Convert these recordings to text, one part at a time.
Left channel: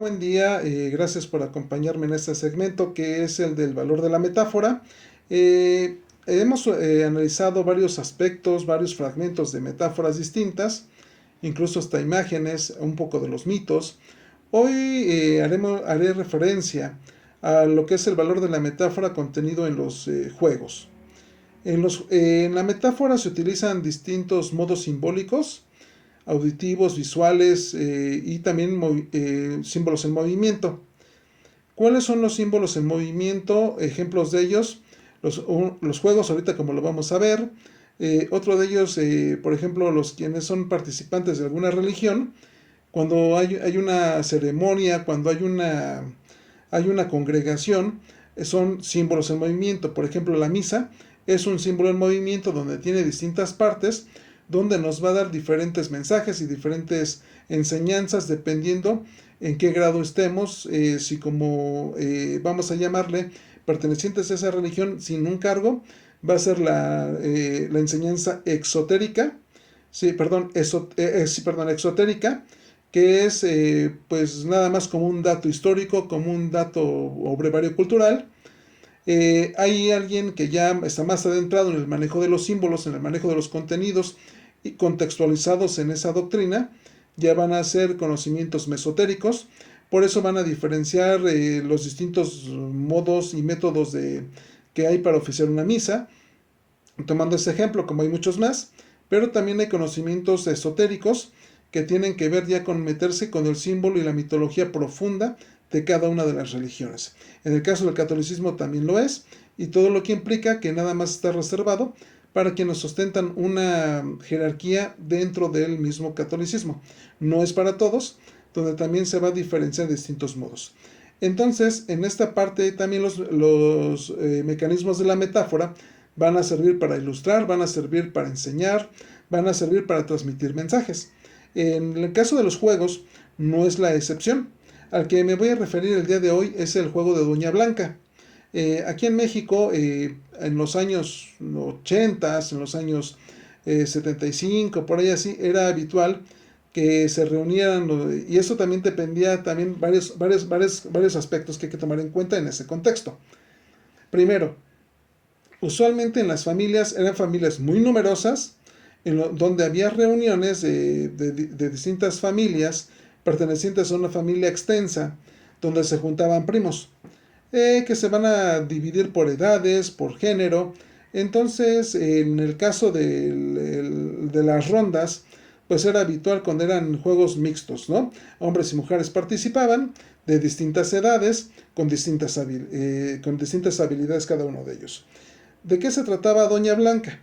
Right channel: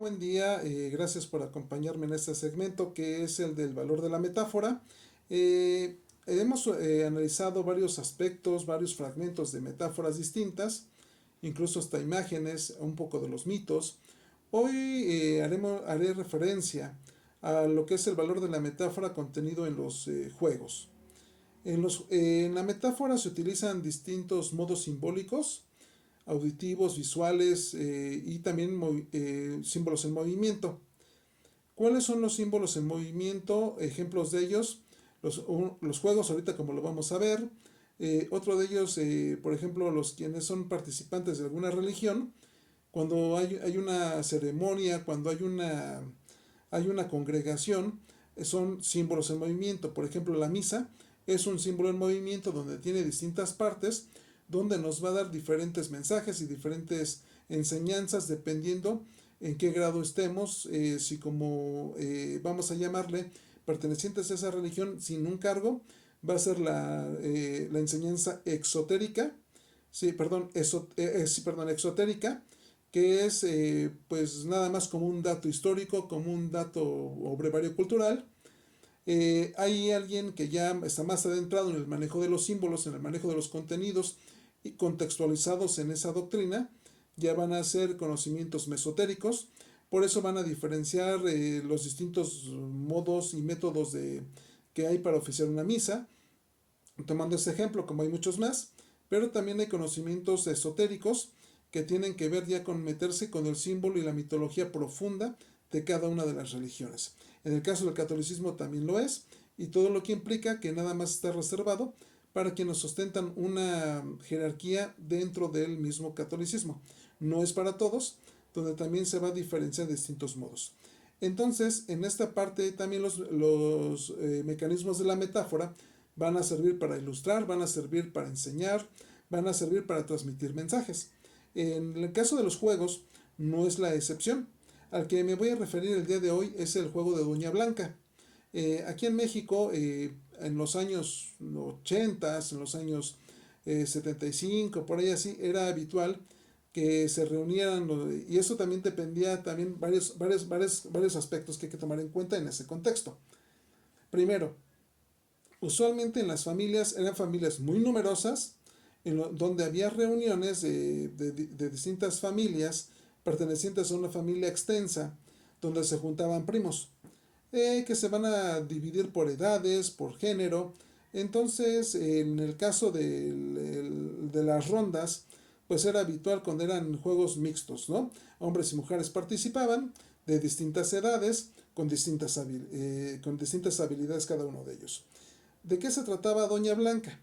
Buen día, gracias por acompañarme en este segmento que es el del valor de la metáfora. Hemos analizado varios aspectos, varios fragmentos de metáforas distintas, incluso hasta imágenes, un poco de los mitos. Hoy haré referencia a lo que es el valor de la metáfora contenido en los juegos. En la metáfora se utilizan distintos modos simbólicos auditivos, visuales y también símbolos en movimiento. ¿Cuáles son los símbolos en movimiento? Ejemplos de ellos, los juegos, ahorita como lo vamos a ver. Otro de ellos, por ejemplo, los quienes son participantes de alguna religión, cuando hay una ceremonia, cuando hay una congregación, son símbolos en movimiento. Por ejemplo, la misa es un símbolo en movimiento donde tiene distintas partes, donde nos va a dar diferentes mensajes y diferentes enseñanzas dependiendo en qué grado estemos, si como vamos a llamarle pertenecientes a esa religión sin un cargo, va a ser la enseñanza exotérica, sí, perdón, sí, perdón, exotérica, que es pues nada más como un dato histórico, como un dato o brevario cultural. Hay alguien que ya está más adentrado en el manejo de los símbolos, en el manejo de los contenidos y contextualizados en esa doctrina, ya van a ser conocimientos mesotéricos, por eso van a diferenciar los distintos modos y métodos que hay para oficiar una misa, tomando ese ejemplo, como hay muchos más, pero también hay conocimientos esotéricos que tienen que ver ya con meterse con el símbolo y la mitología profunda de cada una de las religiones. En el caso del catolicismo también lo es, y todo lo que implica que nada más está reservado para quienes ostentan una jerarquía dentro del mismo catolicismo. No es para todos, donde también se va a diferenciar de distintos modos. Entonces, en esta parte también los mecanismos de la metáfora van a servir para ilustrar, van a servir para enseñar, van a servir para transmitir mensajes. En el caso de los juegos, no es la excepción. Al que me voy a referir el día de hoy es el juego de Doña Blanca. Aquí en México, en los años 80, en los años 75, por ahí así, era habitual que se reunieran, y eso también dependía también varios aspectos que hay que tomar en cuenta en ese contexto. Primero, usualmente en las familias eran familias muy numerosas, donde había reuniones de distintas familias pertenecientes a una familia extensa, donde se juntaban primos, que se van a dividir por edades, por género. Entonces, en el caso de las rondas, pues era habitual cuando eran juegos mixtos, ¿no? Hombres y mujeres participaban de distintas edades, con distintas habilidades cada uno de ellos. ¿De qué se trataba Doña Blanca?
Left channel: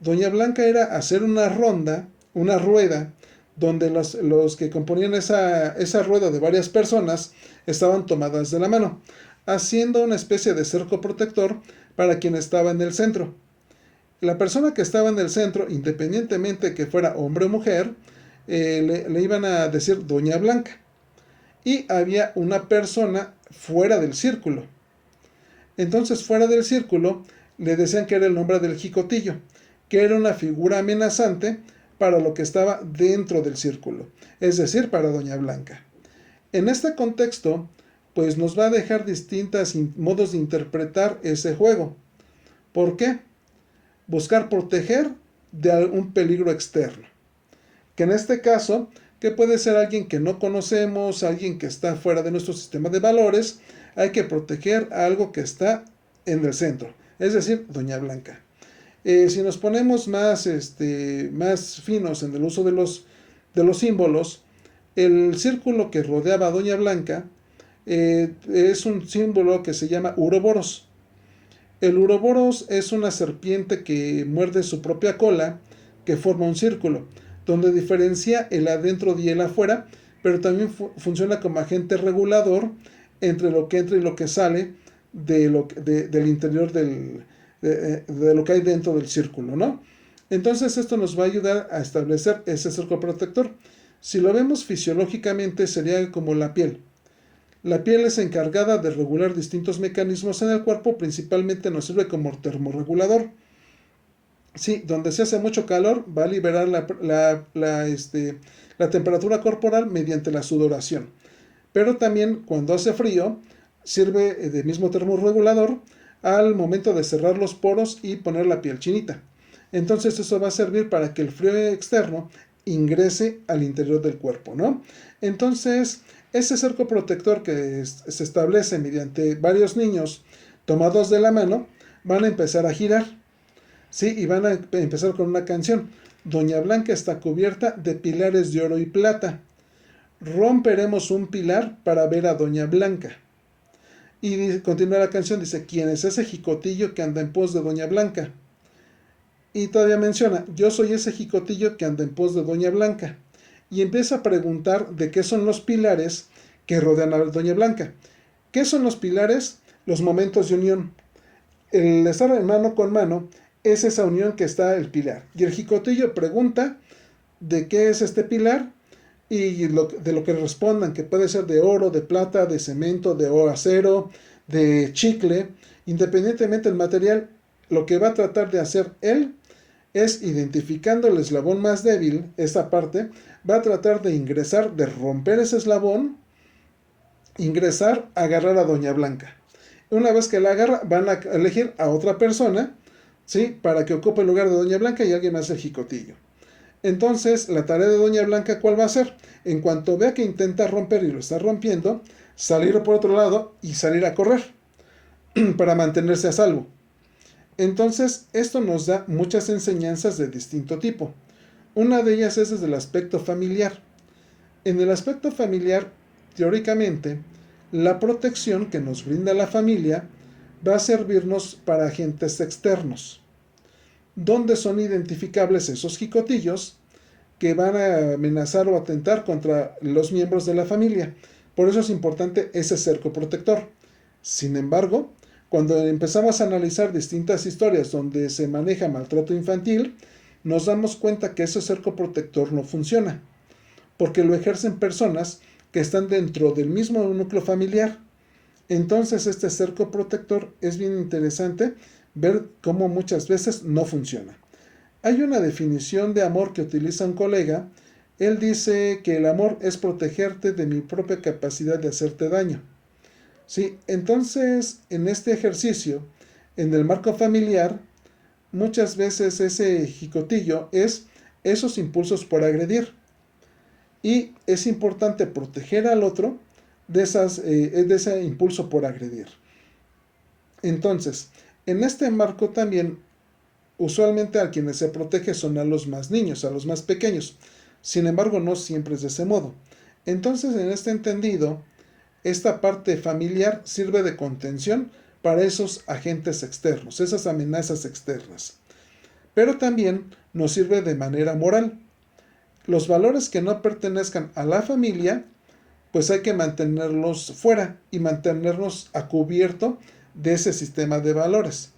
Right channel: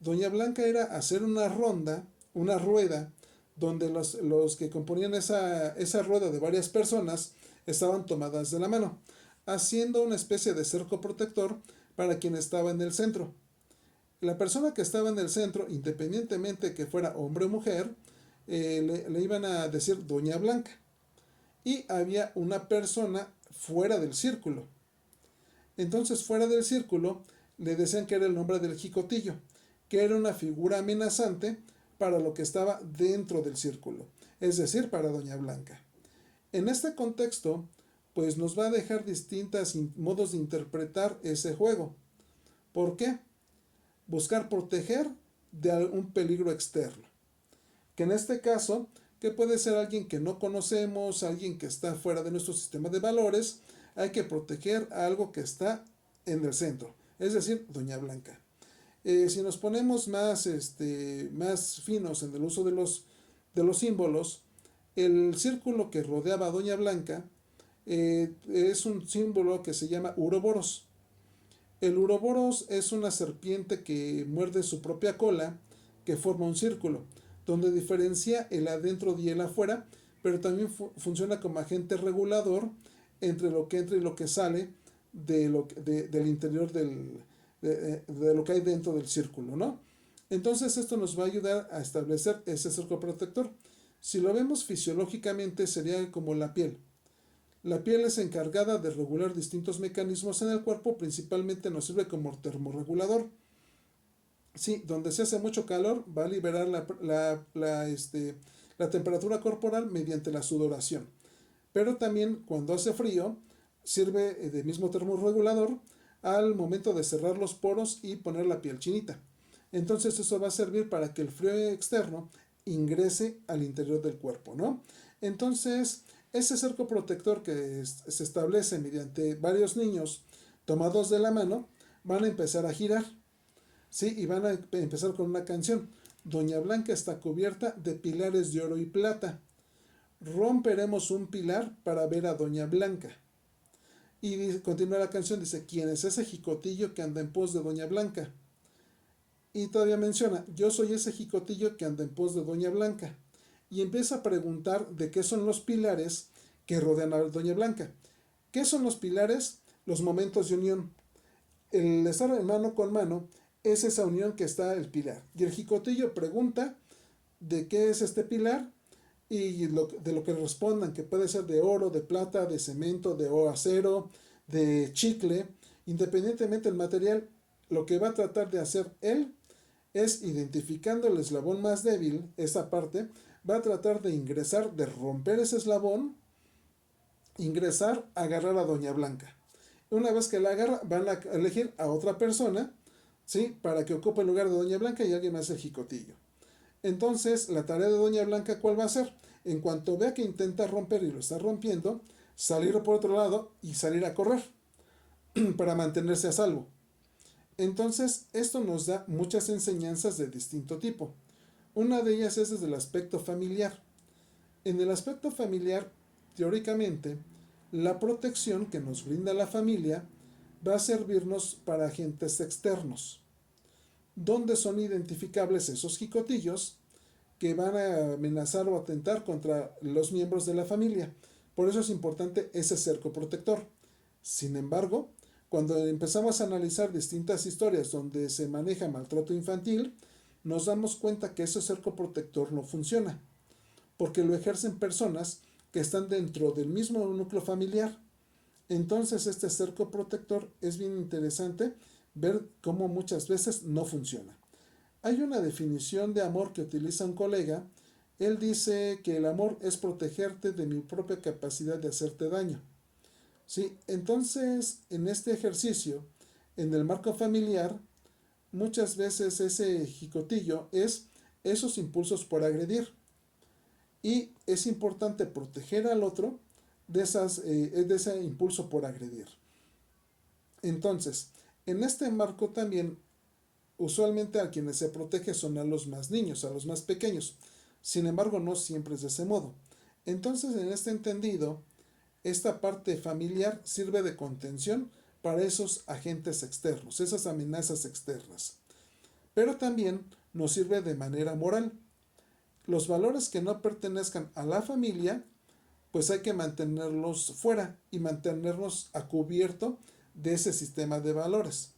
Doña Blanca era hacer una ronda, una rueda, donde los que componían esa rueda de varias personas estaban tomadas de la mano, haciendo una especie de cerco protector para quien estaba en el centro. La persona que estaba en el centro, independientemente que fuera hombre o mujer, le iban a decir Doña Blanca. Y había una persona fuera del círculo. Entonces, fuera del círculo, le decían que era el nombre del jicotillo, que era una figura amenazante para lo que estaba dentro del círculo, es decir, para Doña Blanca. En este contexto, pues nos va a dejar distintos modos de interpretar ese juego. ¿Por qué? Buscar proteger de algún peligro externo. Que en este caso, que puede ser alguien que no conocemos, alguien que está fuera de nuestro sistema de valores, hay que proteger a algo que está en el centro, es decir, Doña Blanca. Si nos ponemos más finos en el uso de los símbolos, el círculo que rodeaba a Doña Blanca es un símbolo que se llama Uroboros. El Uroboros es una serpiente que muerde su propia cola, que forma un círculo, donde diferencia el adentro y el afuera, pero también funciona como agente regulador entre lo que entra y lo que sale del interior de lo que hay dentro del círculo, ¿no? Entonces esto nos va a ayudar a establecer ese cerco protector. Si lo vemos fisiológicamente sería como la piel. La piel es encargada de regular distintos mecanismos en el cuerpo, principalmente nos sirve como termorregulador. Sí, donde se hace mucho calor va a liberar la temperatura corporal mediante la sudoración. pero también cuando hace frío sirve de mismo termorregulador al momento de cerrar los poros y poner la piel chinita. Entonces eso va a servir para que el frío externo ingrese al interior del cuerpo, ¿no? Entonces, ese cerco protector que se establece mediante varios niños tomados de la mano van a empezar a girar, ¿sí? Y van a empezar con una canción. Doña Blanca está cubierta de pilares de oro y plata. Romperemos un pilar para ver a Doña Blanca. Y continúa la canción, dice, ¿quién es ese jicotillo que anda en pos de Doña Blanca? Y todavía menciona, yo soy ese jicotillo que anda en pos de Doña Blanca. Y empieza a preguntar de qué son los pilares que rodean a Doña Blanca. ¿Qué son los pilares? Los momentos de unión. El estar en mano con mano es esa unión que está el pilar. Y el jicotillo pregunta de qué es este pilar y de lo que respondan, que puede ser de oro, de plata, de cemento, de acero, de chicle. Independientemente del material, lo que va a tratar de hacer él es, identificando el eslabón más débil, esta parte, va a tratar de ingresar, de romper ese eslabón, ingresar, agarrar a Doña Blanca. Una vez que la agarra, van a elegir a otra persona, ¿sí? Para que ocupe el lugar de Doña Blanca y alguien más el jicotillo. Entonces, la tarea de Doña Blanca, ¿cuál va a ser? En cuanto vea que intenta romper y lo está rompiendo, salir por otro lado y salir a correr para mantenerse a salvo. Entonces, esto nos da muchas enseñanzas de distinto tipo. Una de ellas es desde el aspecto familiar. En el aspecto familiar, teóricamente, la protección que nos brinda la familia va a servirnos para agentes externos, donde son identificables esos jicotillos que van a amenazar o atentar contra los miembros de la familia. Por eso es importante ese cerco protector. Sin embargo, cuando empezamos a analizar distintas historias donde se maneja maltrato infantil, nos damos cuenta que ese cerco protector no funciona, porque lo ejercen personas que están dentro del mismo núcleo familiar. Entonces este cerco protector es bien interesante ver cómo muchas veces no funciona. Hay una definición de amor que utiliza un colega. Él dice que el amor es protegerte de mi propia capacidad de hacerte daño. Sí, entonces en este ejercicio, en el marco familiar, muchas veces ese jicotillo es esos impulsos por agredir. Y es importante proteger al otro de ese impulso por agredir. Entonces, en este marco también, usualmente a quienes se protege son a los más niños, a los más pequeños. Sin embargo, no siempre es de ese modo. Entonces, en este entendido, esta parte familiar sirve de contención para esos agentes externos, esas amenazas externas. Pero también nos sirve de manera moral. Los valores que no pertenezcan a la familia, pues hay que mantenerlos fuera y mantenerlos a cubierto de ese sistema de valores.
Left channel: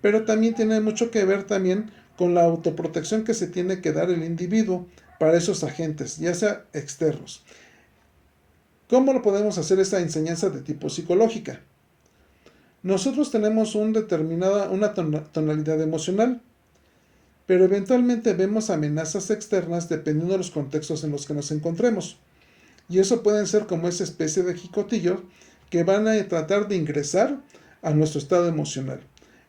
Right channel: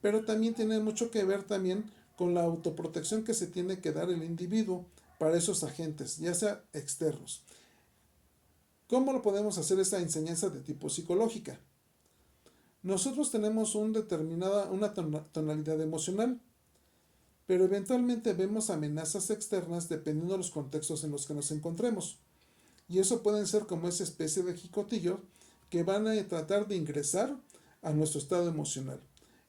Pero también tiene mucho que ver también con la autoprotección que se tiene que dar el individuo para esos agentes, ya sea externos. ¿Cómo lo podemos hacer esta enseñanza de tipo psicológica? Nosotros tenemos una tonalidad emocional, pero eventualmente vemos amenazas externas dependiendo de los contextos en los que nos encontremos. Y eso pueden ser como esa especie de jicotillos que van a tratar de ingresar a nuestro estado emocional.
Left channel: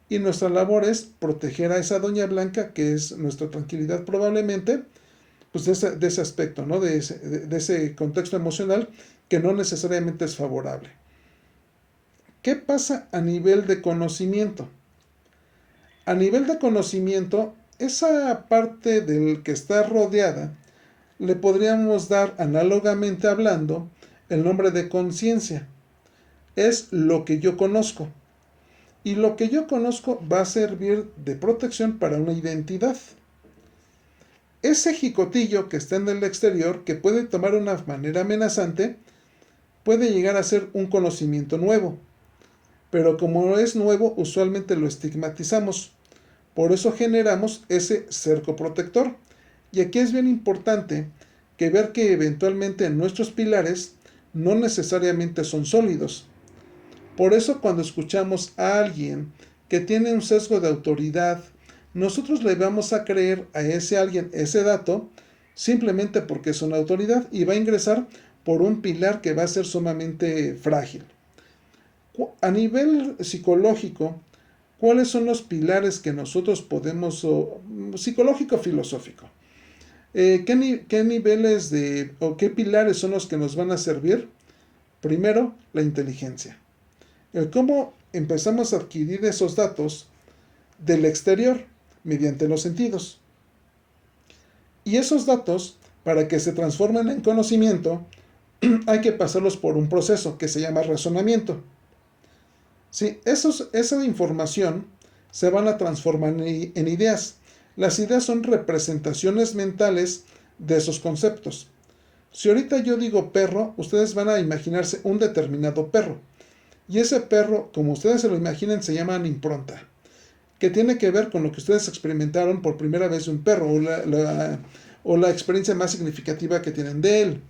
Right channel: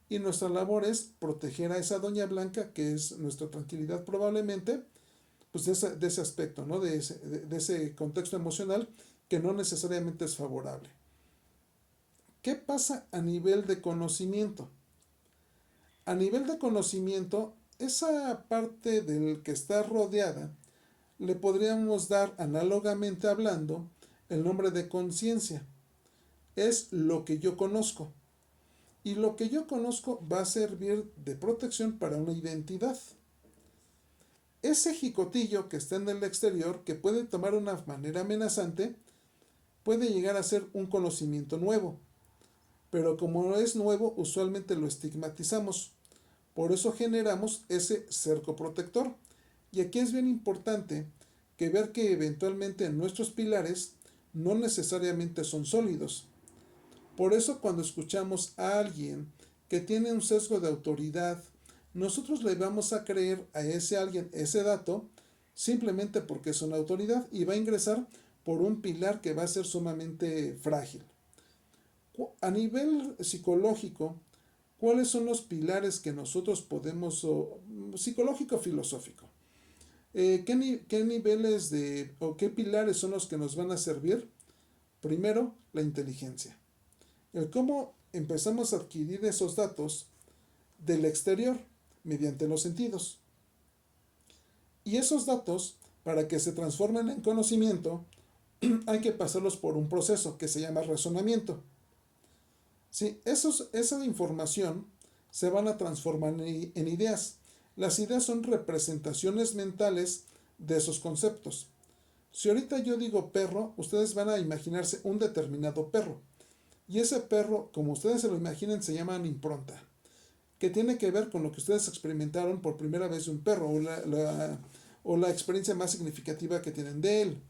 Y nuestra labor es proteger a esa Doña Blanca, que es nuestra tranquilidad probablemente, pues de ese aspecto, ¿no? De ese contexto emocional que no necesariamente es favorable. ¿Qué pasa a nivel de conocimiento? A nivel de conocimiento, esa parte del que está rodeada, le podríamos dar, análogamente hablando, el nombre de conciencia. Es lo que yo conozco. Y lo que yo conozco va a servir de protección para una identidad. Ese jicotillo que está en el exterior, que puede tomar una manera amenazante, puede llegar a ser un conocimiento nuevo. Pero como es nuevo, usualmente lo estigmatizamos. Por eso generamos ese cerco protector. Y aquí es bien importante que ver que eventualmente nuestros pilares no necesariamente son sólidos. Por eso cuando escuchamos a alguien que tiene un sesgo de autoridad, nosotros le vamos a creer a ese alguien ese dato simplemente porque es una autoridad y va a ingresar por un pilar que va a ser sumamente frágil. A nivel psicológico, ¿cuáles son los pilares que nosotros podemos, psicológico-filosófico? ¿Qué niveles o qué pilares son los que nos van a servir? Primero, la inteligencia. El cómo empezamos a adquirir esos datos del exterior mediante los sentidos. Y esos datos, para que se transformen en conocimiento, hay que pasarlos por un proceso que se llama razonamiento. Sí, esa información se van a transformar en ideas. Las ideas son representaciones mentales de esos conceptos. Si ahorita yo digo perro, ustedes van a imaginarse un determinado perro. Y ese perro, como ustedes se lo imaginen, se llama impronta, que tiene que ver con lo que ustedes experimentaron por primera vez de un perro o la experiencia más significativa que tienen de él.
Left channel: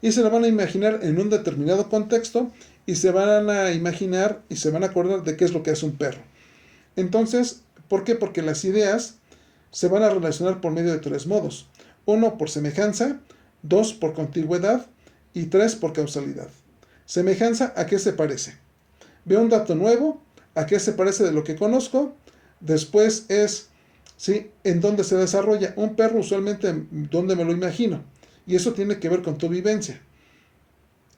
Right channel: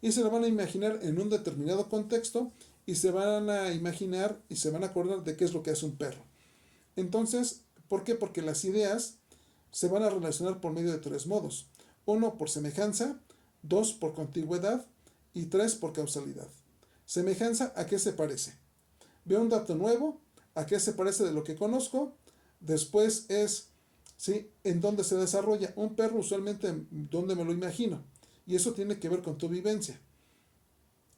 Y se lo van a imaginar en un determinado contexto y se van a imaginar y se van a acordar de qué es lo que hace un perro. Entonces, ¿por qué? Porque las ideas se van a relacionar por medio de tres modos. Uno, por semejanza; dos, por contigüidad; y tres, por causalidad. Semejanza, ¿a qué se parece? Veo un dato nuevo, ¿a qué se parece de lo que conozco? Después es, ¿sí?, en dónde se desarrolla. Un perro usualmente, ¿dónde me lo imagino? Y eso tiene que ver con tu vivencia.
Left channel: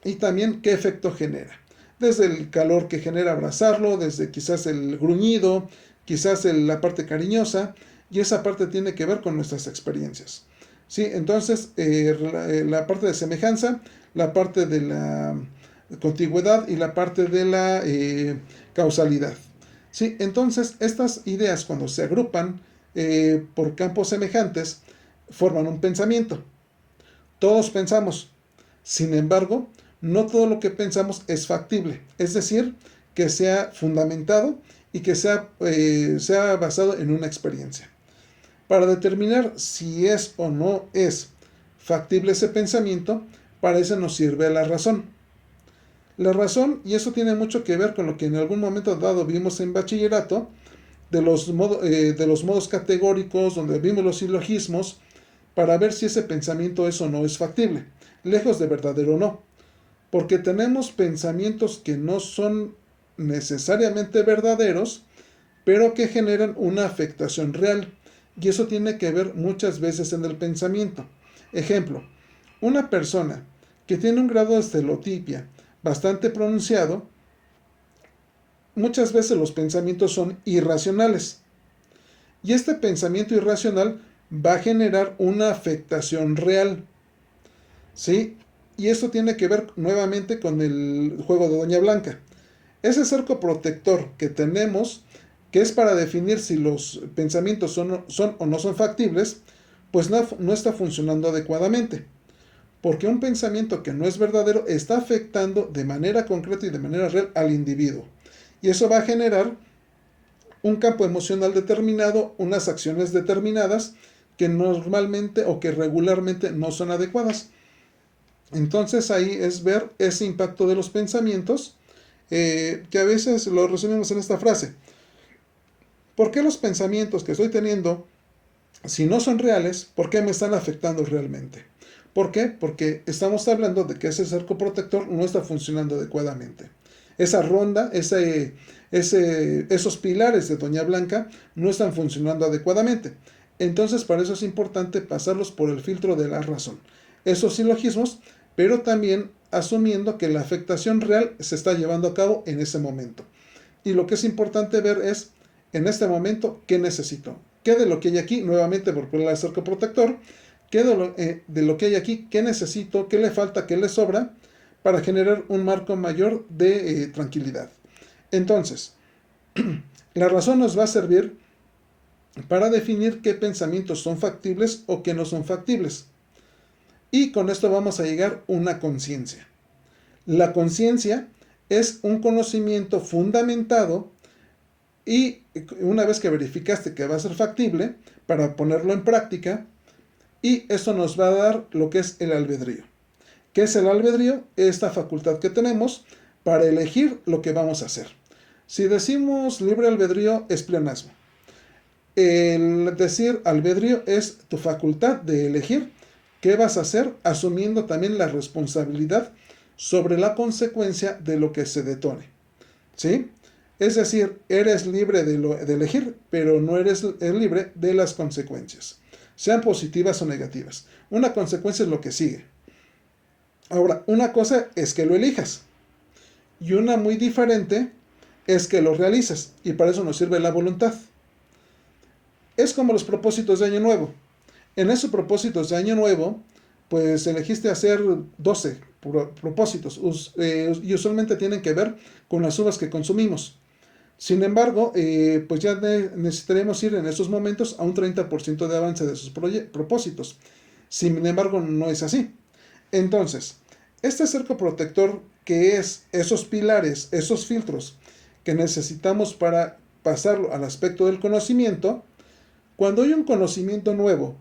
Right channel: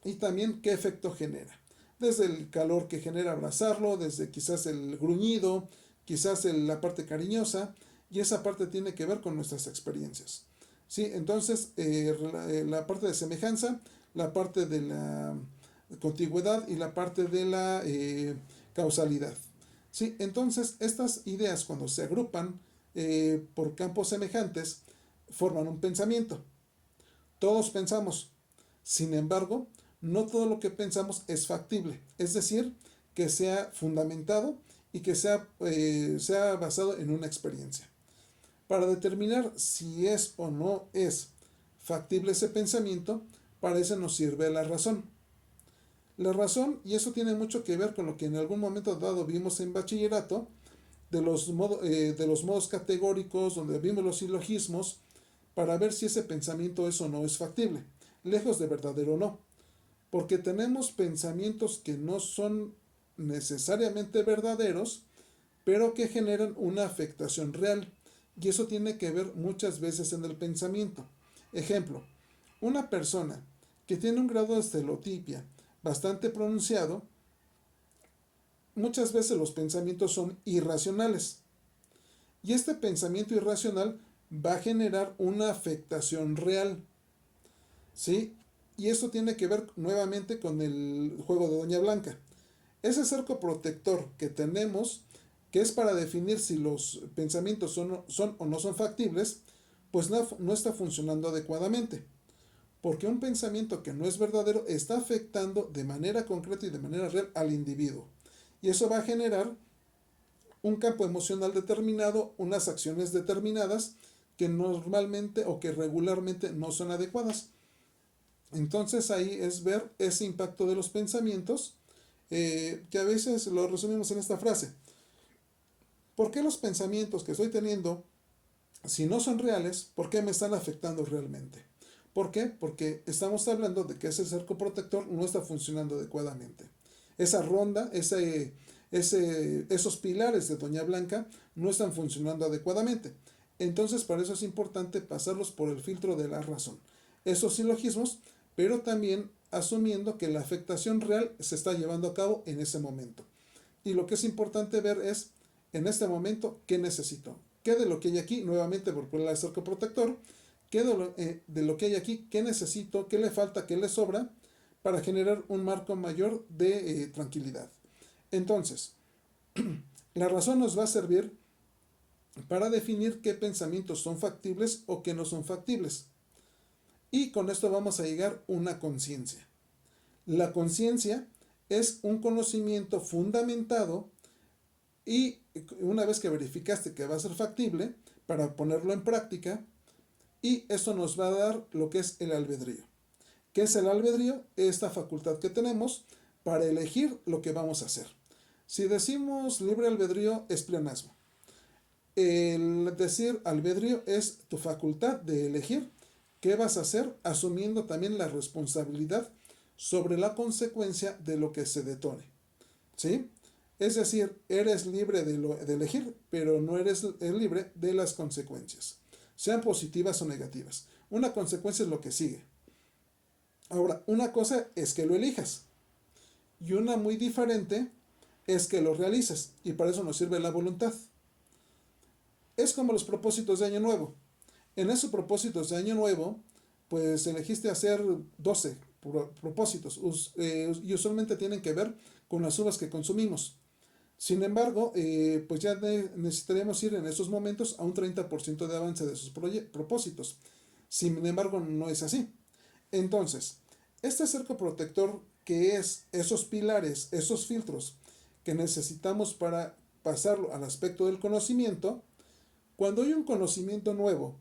Y también qué efecto genera. Desde el calor que genera abrazarlo, desde quizás el gruñido, quizás la parte cariñosa, y esa parte tiene que ver con nuestras experiencias. ¿Sí? Entonces, la parte de semejanza, la parte de la contigüidad y la parte de la causalidad. ¿Sí? Entonces, estas ideas, cuando se agrupan por campos semejantes, forman un pensamiento. Todos pensamos. Sin embargo, no todo lo que pensamos es factible. Es decir, que sea fundamentado y que sea basado en una experiencia. Para determinar si es o no es factible ese pensamiento, para eso nos sirve la razón. La razón, y eso tiene mucho que ver con lo que en algún momento dado vimos en bachillerato, de los modos categóricos, donde vimos los silogismos, para ver si ese pensamiento es o no es factible, lejos de verdadero o no. Porque tenemos pensamientos que no son necesariamente verdaderos, pero que generan una afectación real. Y eso tiene que ver muchas veces en el pensamiento. Ejemplo, una persona que tiene un grado de estelotipia bastante pronunciado, muchas veces los pensamientos son irracionales. Y este pensamiento irracional va a generar una afectación real. ¿Sí? Y esto tiene que ver nuevamente con el juego de Doña Blanca. Ese cerco protector que tenemos, que es para definir si los pensamientos son o no son factibles, pues no está funcionando adecuadamente. Porque un pensamiento que no es verdadero está afectando de manera concreta y de manera real al individuo. Y eso va a generar un campo emocional determinado, unas acciones determinadas que normalmente o que regularmente no son adecuadas. Entonces ahí es ver ese impacto de los pensamientos, que a veces lo resumimos en esta frase. ¿Por qué los pensamientos que estoy teniendo, si no son reales, por qué me están afectando realmente? ¿Por qué? Porque estamos hablando de que ese cerco protector no está funcionando adecuadamente. Esa ronda, esos pilares de Doña Blanca no están funcionando adecuadamente. Entonces, para eso es importante pasarlos por el filtro de la razón. Esos silogismos, pero también asumiendo que la afectación real se está llevando a cabo en ese momento. Y lo que es importante ver es, en este momento, ¿qué necesito? ¿Qué de lo que hay aquí? Nuevamente, por poner el cerco protector, ¿qué de lo que hay aquí? ¿Qué necesito? ¿Qué le falta? ¿Qué le sobra? Para generar un marco mayor de tranquilidad. Entonces, la razón nos va a servir para definir qué pensamientos son factibles o qué no son factibles. Y con esto vamos a llegar a una conciencia. La conciencia es un conocimiento fundamentado y una vez que verificaste que va a ser factible, para ponerlo en práctica, y eso nos va a dar lo que es el albedrío. ¿Qué es el albedrío? Esta facultad que tenemos para elegir lo que vamos a hacer. Si decimos libre albedrío es pleonasmo. El decir albedrío es tu facultad de elegir ¿Qué vas a hacer? Asumiendo también la responsabilidad sobre la consecuencia de lo que se detone. ¿Sí? Es decir, eres libre de elegir, pero no eres libre de las consecuencias, sean positivas o negativas. Una consecuencia es lo que sigue. Ahora, una cosa es que lo elijas y una muy diferente es que lo realizas, y para eso nos sirve la voluntad. Es como los propósitos de Año Nuevo. En esos propósitos de Año Nuevo, pues elegiste hacer 12 propósitos y usualmente tienen que ver con las uvas que consumimos. Sin embargo, pues ya necesitaremos ir en estos momentos a un 30% de avance de sus propósitos. Sin embargo, no es así. Entonces, este cerco protector, que es esos pilares, esos filtros que necesitamos para pasarlo al aspecto del conocimiento, cuando hay un conocimiento nuevo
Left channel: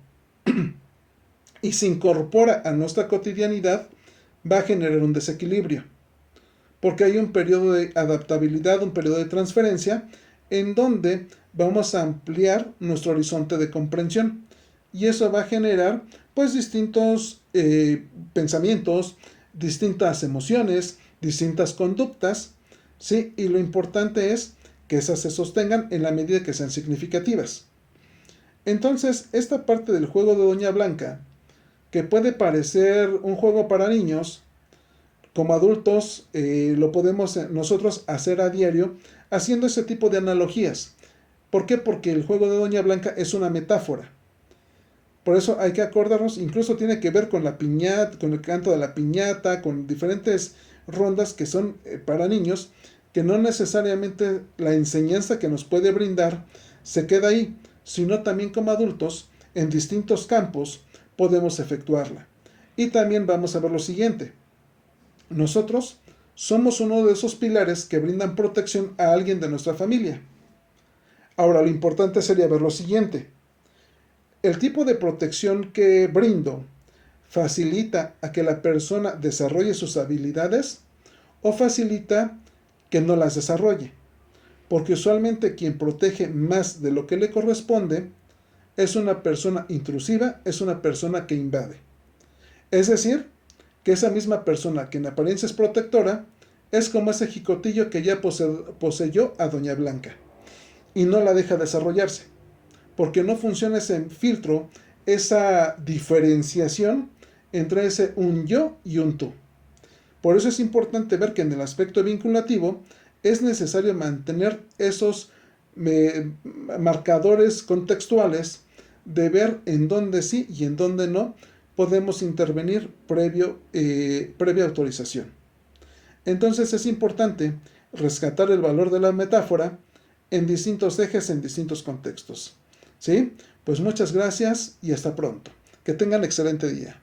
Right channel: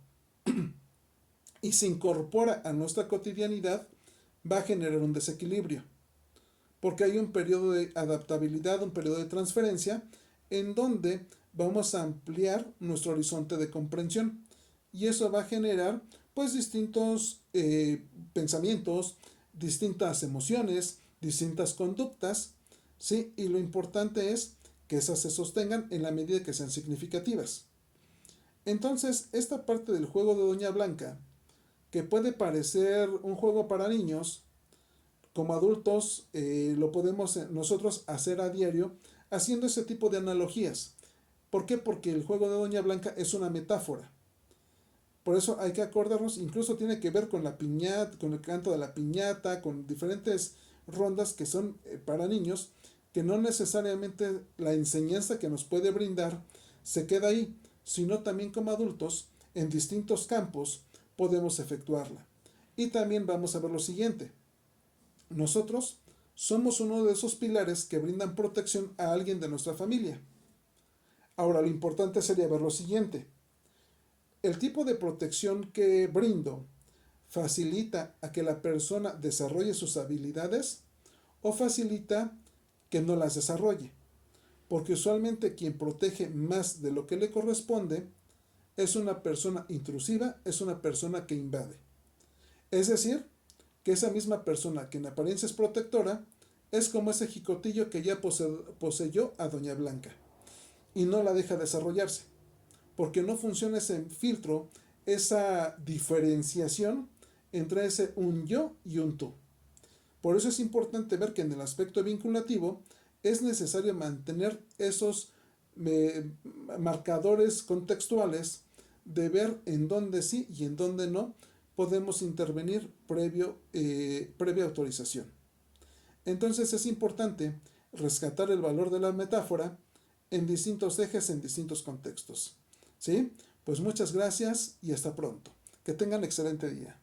y se incorpora a nuestra cotidianidad, va a generar un desequilibrio, porque hay un periodo de adaptabilidad, un periodo de transferencia, en donde vamos a ampliar nuestro horizonte de comprensión. Y eso va a generar pues distintos pensamientos, distintas emociones, distintas conductas, ¿sí? Y lo importante es que esas se sostengan en la medida que sean significativas. Entonces, esta parte del juego de Doña Blanca, que puede parecer un juego para niños, como adultos lo podemos nosotros hacer a diario haciendo ese tipo de analogías. ¿Por qué? Porque el juego de Doña Blanca es una metáfora. Por eso hay que acordarnos, incluso tiene que ver con la piñata, con el canto de la piñata, con diferentes rondas que son para niños, que no necesariamente la enseñanza que nos puede brindar se queda ahí, sino también como adultos, en distintos campos, podemos efectuarla. Y también vamos a ver lo siguiente. Nosotros somos uno de esos pilares que brindan protección a alguien de nuestra familia. Ahora, lo importante sería ver lo siguiente. El tipo de protección que brindo facilita a que la persona desarrolle sus habilidades o facilita que no las desarrolle. Porque usualmente quien protege más de lo que le corresponde es una persona intrusiva, es una persona que invade. Es decir, que esa misma persona que en apariencia es protectora es como ese jicotillo que ya poseyó a Doña Blanca y no la deja desarrollarse, porque no funciona ese filtro, esa diferenciación entre ese un yo y un tú. Por eso es importante ver que en el aspecto vinculativo es necesario mantener esos marcadores contextuales de ver en dónde sí y en dónde no podemos intervenir previa autorización. Entonces es importante rescatar el valor de la metáfora en distintos ejes, en distintos contextos. ¿Sí? Pues muchas gracias y hasta pronto. Que tengan excelente día.